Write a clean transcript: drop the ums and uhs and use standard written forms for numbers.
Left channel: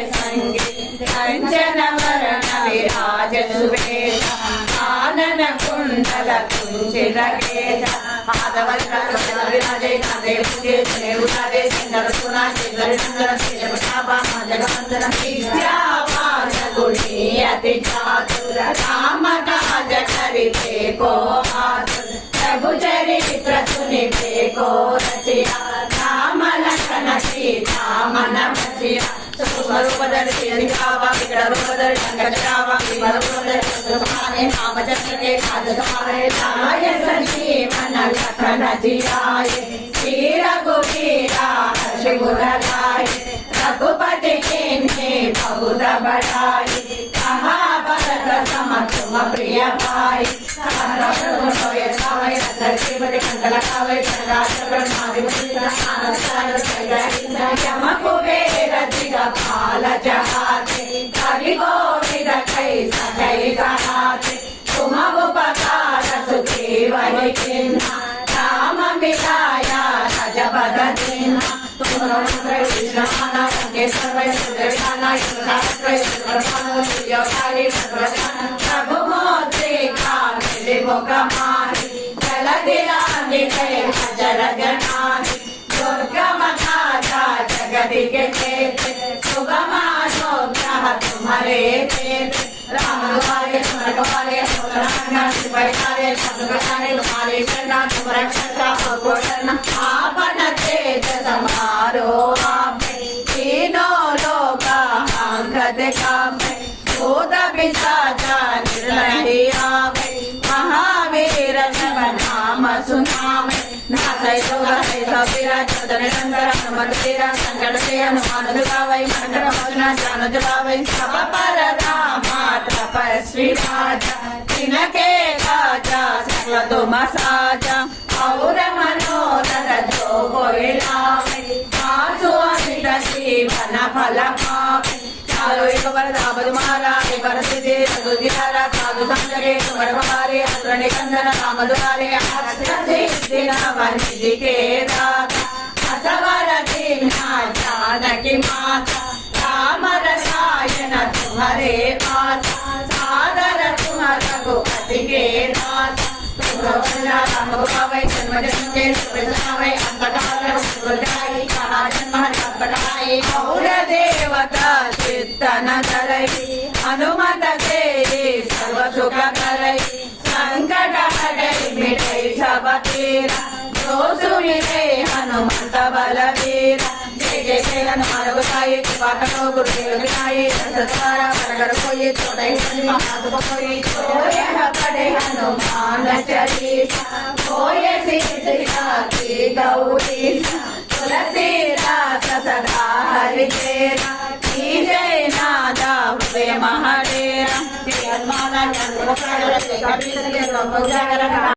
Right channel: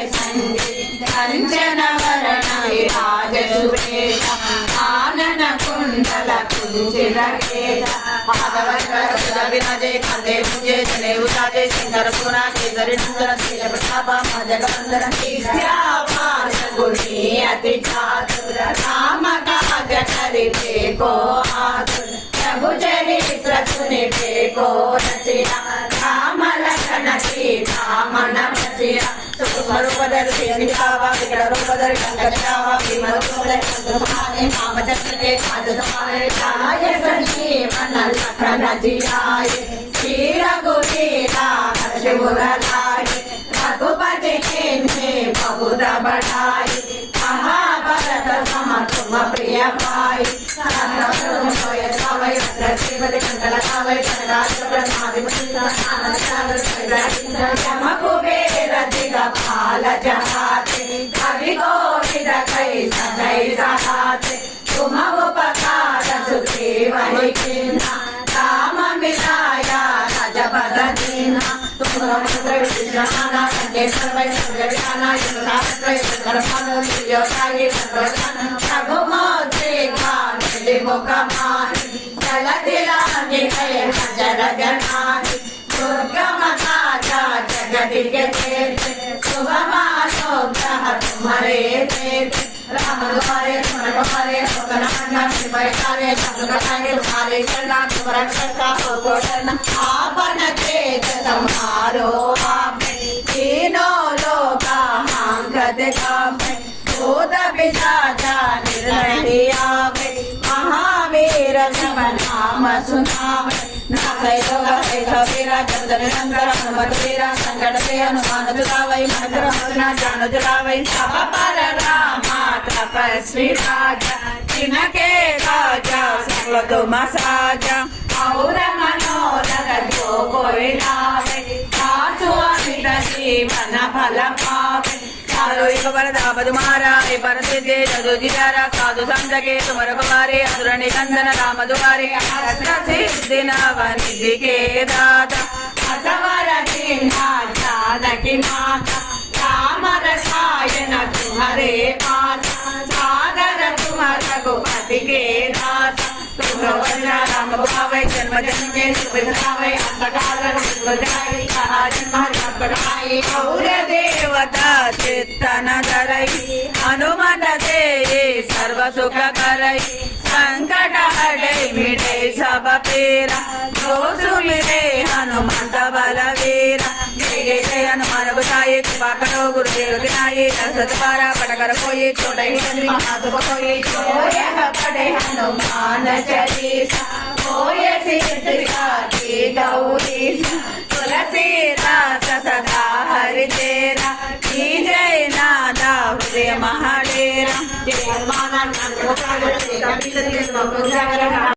कंचन वरण विराज सुवेश आनन कुंडल कुंचित केश विराजे कांधे पूजे चले उतारे सिंदर सोना केसरी नंदन तेज प्रताप जगवंदन विद्यावान गुणी अति चातुर राम काज करिबे को आतुर प्रभु चरित्र सुनिबे को रचिया राम लखन सीता मन बसिया रूपधरि रूपधरि कंकचरावा रूपधरि नाम चक्रे साय संजीवन लखन जियाय श्री रघुवीरा हर्षुराय रघुपति किन्हे बहुत बढ़ाई महाभारत सम तुम प्रिय भाई यम कुबेर दिगपाल जहाते कवि गोविद कैस जय रहाते तुम उपकार सुग्रीव चिन्हा राम मिलाया रजपद दीन्हा तुम कृष्णमाना संकेश्वर प्रभु मोद्रिका मुखमानि जलदिलानि जल जनानि दुर्गम राजा जगति के चेते शुभमानोग्रह तुम्हारे चेते राम दुआरे तुम्हारे सोतनांगा शिवकारे शब्दकारे तुम्हारे करना तुम्हारे रक्षा को करना आपन तेज समारो आपे तीनों लोका हांगत कामे भूत पिशाचा निर्णय आवे महावीर नाम सुनावे नाथै गौरहै सबीरा जपद निरंतर हनुमत वीरा संकट से हनुमान दुलावै मन क्रमोचना जान जुलावै सब पर रामा तपस्वी राजा तिनके राजा सकल तुम साजा और मनोरथ जो कोई लावे सासु अमित जीवन फल पावे चारो एक वरदा बजमारा एक बरसिदे सदो जितारा साधु संजगे तुम्हारे हमारे असुर निकंदन राम दुआरे दिन वंदि के दाता असवर चिन्हा जानकी माता राम रसायन तुम्हारे माता सादर तुम रघुपति के दाता राम गुहावै जन्म जन्म के सुविधावै अंतकाल जाई कहा जन्म हरि और देवता चित्तन धरै हनुमत से सर्व सुख करै संकट हरै मिटै सब पीरा जो सुमिरै हनुमंत बलवीरा जय जय जय हनुमान गोसाई कृपा करो गुरुदेव गिनाई सतवारा पट कर कोई छोटे महात्म कोई पढ़े हनुमान चालीसा होय सिद्धिका की गौरीसा तुलसीदास सदा हरि तेरा की जय नादा हृदय महाडेरा